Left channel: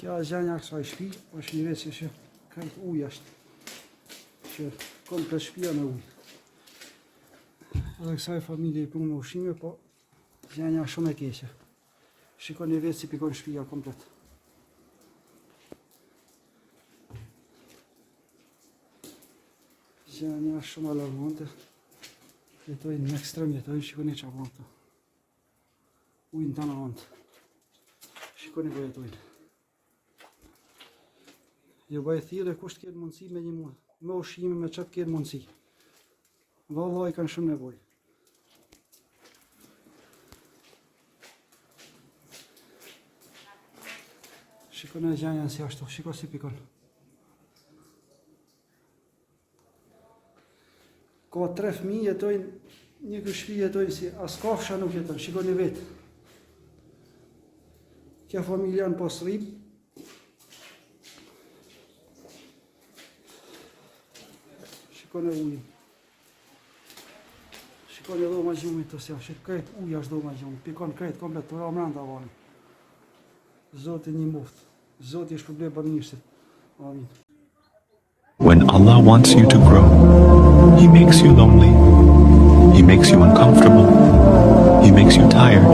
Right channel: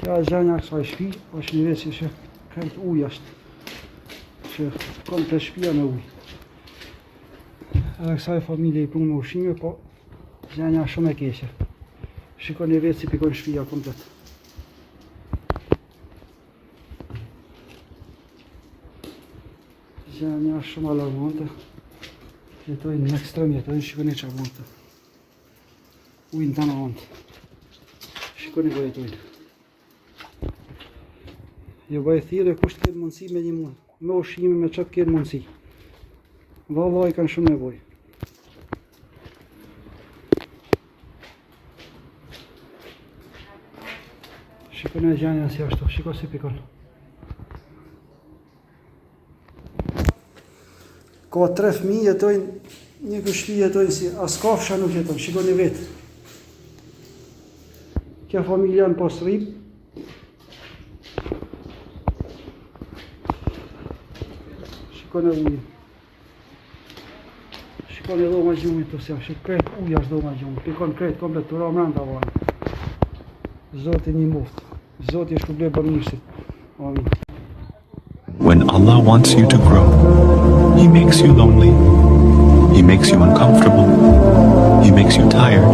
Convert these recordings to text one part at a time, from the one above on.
Kja është gjenja kësaj shtëpi, është një veci që krejt ujë është, që komplet shtëpia në ujë. Edhe kësaj familje i punë me ushqime, po gjenja shumë e keqe. Shikoni vetë si pikon shtëpia komplet. Gjenja shumë alarmante. Jetojnë në ekstrem, jetojnë, shikoni që avonte. Ujnë të në avonte. Shikoni ku jetojnë. Jo bëj thirrje kush të ketë mundësi me një muaj. Me ushqime, me çfarë të ketë mundësi. Vallahi kanë shumë nevojë. Shikoni gjenja si ashtu, shiko si pikon. Ka 3 fëmijë jetojnë, një shtëpi jetojnë si as kafsha nuk jetojnë, shikoni vetë. Kjo familja në pas rrip. Shikoni ujë. Shikoni dhoma gjumit të sjellë, shikoni krejt uja është dhoma gjumit, pikon krejt komplet të ra mrenda vanë. Zoti një muftë, Zoti është shpërblet banimishtit. Amin. When Allah wants you to grow, He makes you lonely, He makes you uncomfortable, He makes you tired,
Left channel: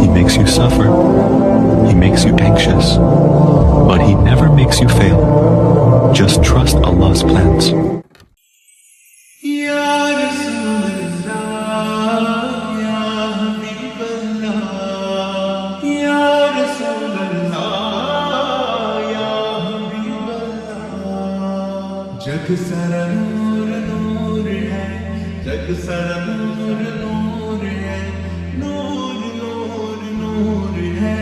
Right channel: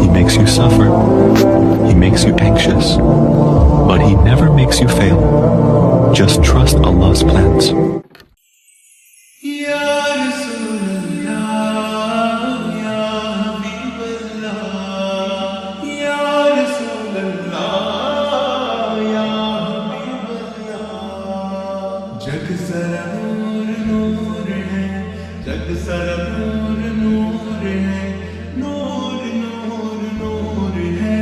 He makes you suffer, He makes you anxious, but He never makes you fail. Just trust Allah's plans. जग सारा नूर नूर है, जग सारा नूर नूर है, नूर नूर नूर है,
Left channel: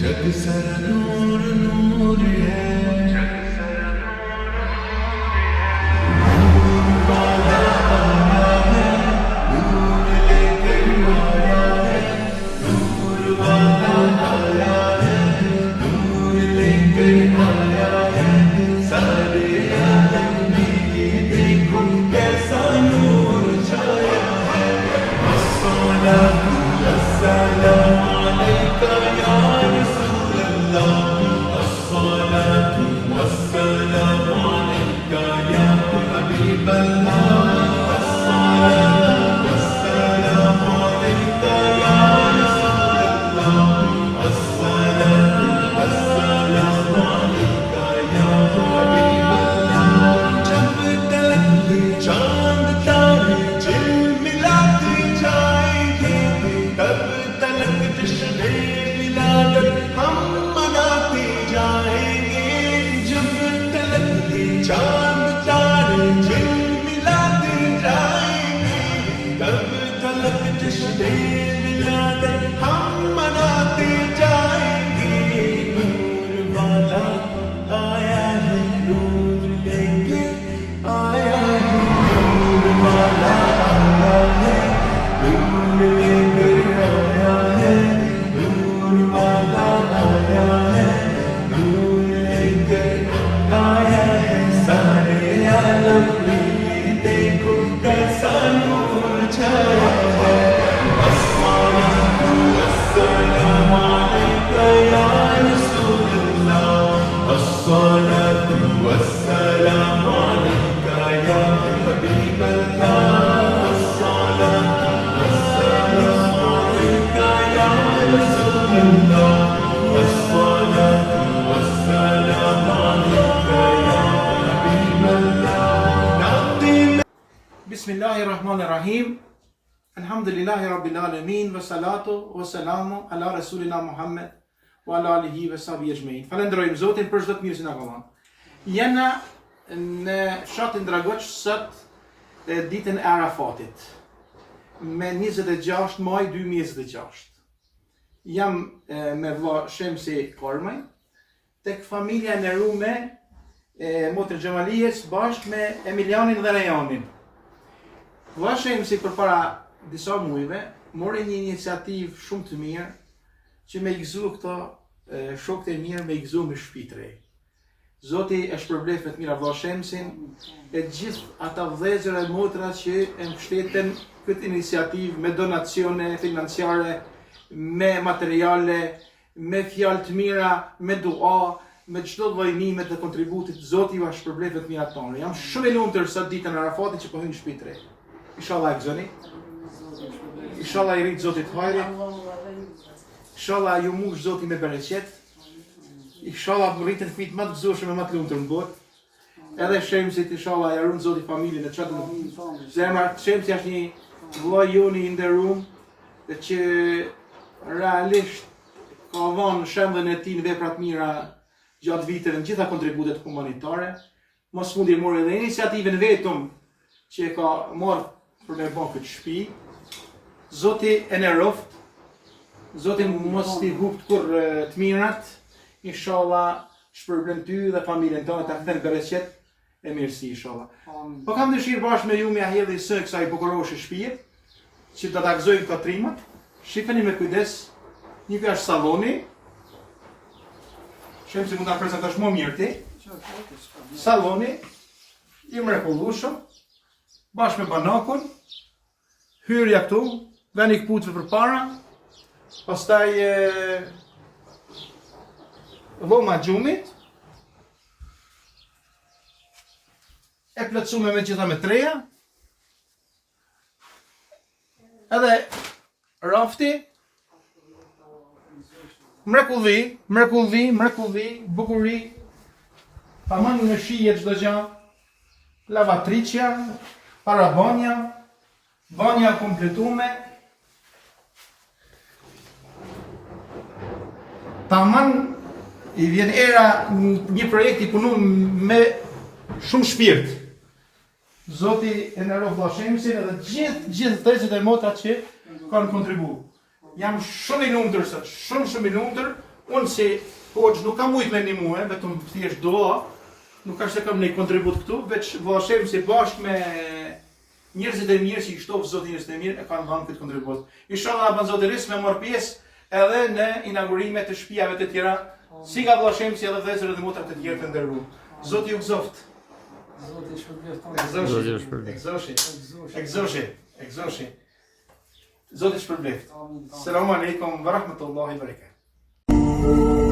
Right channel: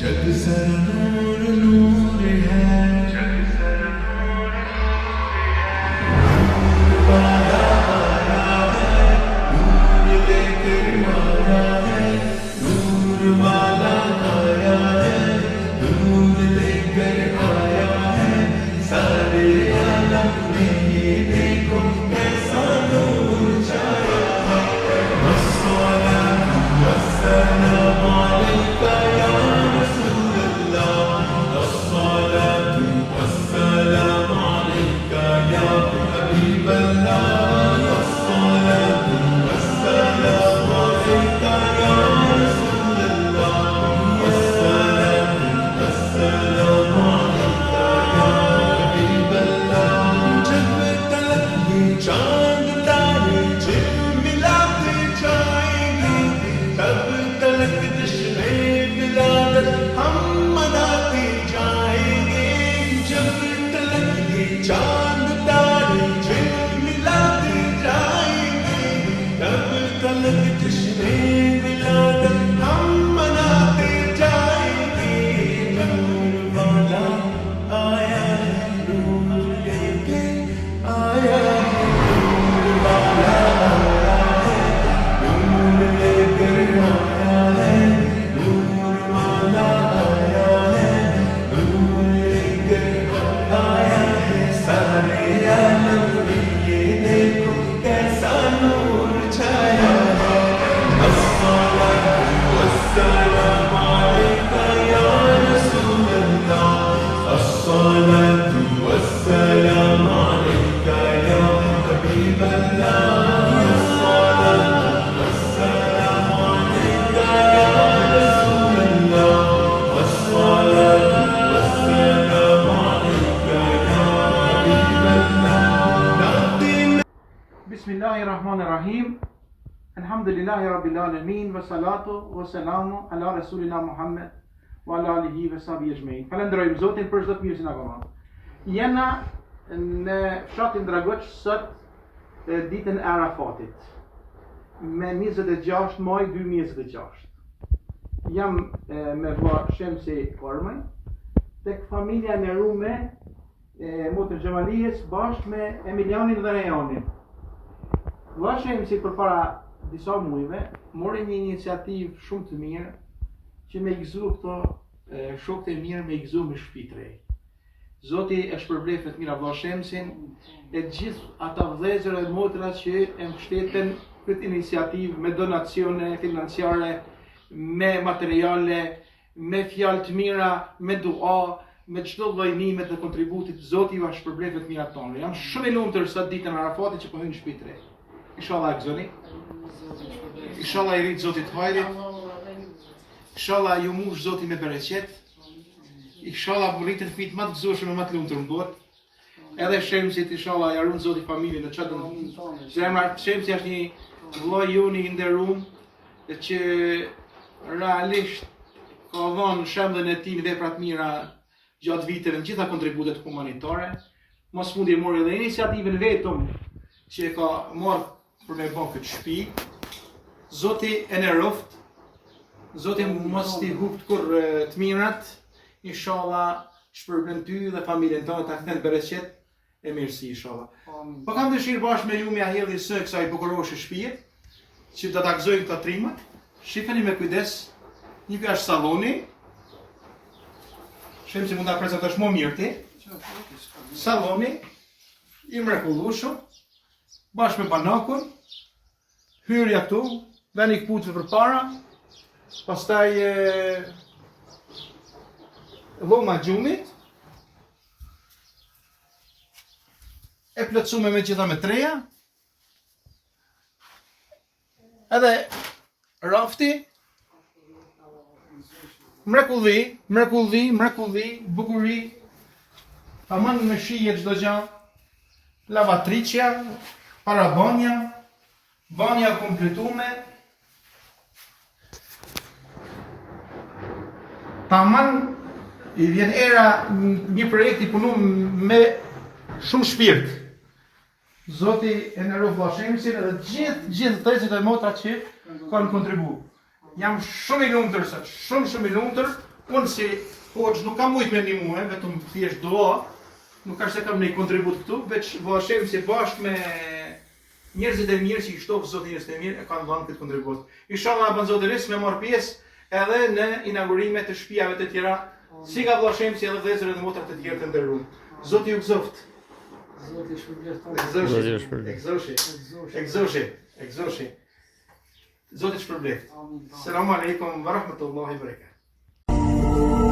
जग सारा नूर नूर है, जग सारा नूर नूर है। नूर वाला आया है, नूर लेकर आया है, नूर वाला आया है, नूर लेकर आया है, सारे चांद तारे झिलमिलाते जाएंगे, तब तलक जश्न-ए विलादत हम मनाते जाएंगे। नूर वाला आया है, नूर लेके आया है, नूर वाला आया है, नूर लेकर आया है, नूर वाला आया है, नूर लेकर आया है। सारे आलम में ये देखो कैसा नूर छाया है। अस्सलातु वस्सलामु अलैका या रसूल अल्लाह, अस्सलातु वस्सलामु अलैका या हबीब अल्लाह, अस्सलातु वस्सलामु अलैका या रसूल अल्लाह, अस्सलातु वस्सलामु अलैका या हबीब अल्लाह। Bismillahirrahmanirrahim. Alhamdulillahi Rabbil Alamin, wa salatu wa salamu ala Rasulina Muhammed wa ala alihi wa sahbihi ajma'in. Falenderojmë Zotin për çdo të mirë që na ka dhënë. Jena në fshatin Dragoç sot ditën e Arafatit me 26 maj 2026. Jam me vlla Shemsi Kormaj tek familja e nderume e Motër Xhamalijes bashkë me Emilianin dhe Rejanin. Vlla Shemsi përpara disa muajve mori një iniciativë shumë të mirë që me i gëzu këto shokët e mirë, me i gëzu me shtëpi të re. Zoti e shpërblet me të mira vlla Shemsin e gjithë ata vëllezër e motra që e mbështeten këtë iniciativë me donacione financiare, me materiale, me fjalë të mira, me dua, me çdo lloj ndihme të kontributit. Zoti ju shpërblet të mirat tona. Jam shumë i lumtur sot ditën e Arafatit që po hyn në shtëpi të re. Inshallah e gëzoni. Inshallah i rrit Zotit hajrit. Inshallah ju mush Zoti me bereqet. Inshallah rritën fëmijët më të gëzueshëm e më të lumtur në botë. Edhe Shemsit inshallah ja ruan Zoti familjen e çatën. Zemra Shemsi është një vëllai joni i nderuar që realisht ka dhënë shembullin e tij në vepra të mira gjatë viteve në gjitha kontributet humanitare. Mos fundi mori edhe iniciativën vetëm që e ka marrë për me bën këtë shtëpi. Zoti e nderoft. Zoti mos t'i hupt kur të mirat. Inshallah shpërblen ty dhe familjen tonë ta kthen bereqet e mirësi inshallah. Po kam dëshirë bashkë me ju me ahjedhi së kësaj bukuroshe shtëpie që do ta gëzojmë këto trimat. Shifeni me kujdes. Një kjo është salloni. Shem që mund ta prezantosh më mirë ti. Salloni i mrekullueshëm bashkë me banakun. Hyrja këtu, veni këputëve përpara. Pastaj dhoma gjumit. E plotësuar me gjitha me treja. Edhe rafti. Mrekulli, bukuri. Tamam me shije çdo gjë. Lavatriçja, parabonja, banja kompletume. Tamam i vjen era një projekt i punuar me shumë shpirt. Zoti e nderoj vllashemsin edhe gjithë tezit e motra që kanë kontribuar. Jam shumë i lumtur sot, shumë i lumtur. Unë si hoxh nuk kam ujtë me ndihmue, vetëm thjesht dua. Nuk ka se kam një kontribut këtu, veç vllashemsi bashkë me njerëzit e mirë që i shtofë Zoti njerëzit e mirë e kanë dhënë këtë kontribut. Inshallah na bën Zoti risk me marr pjesë edhe në inaugurime të shtëpiave të tjera, si nga vllashemsi edhe vëllezërit dhe motrat të tjerë të nderuar. Zoti ju gëzoft. Zoti shpërblet. Egzoshi. Zoti shpërblet. Selamun alejkum wa rahmatullahi wa barakatuh.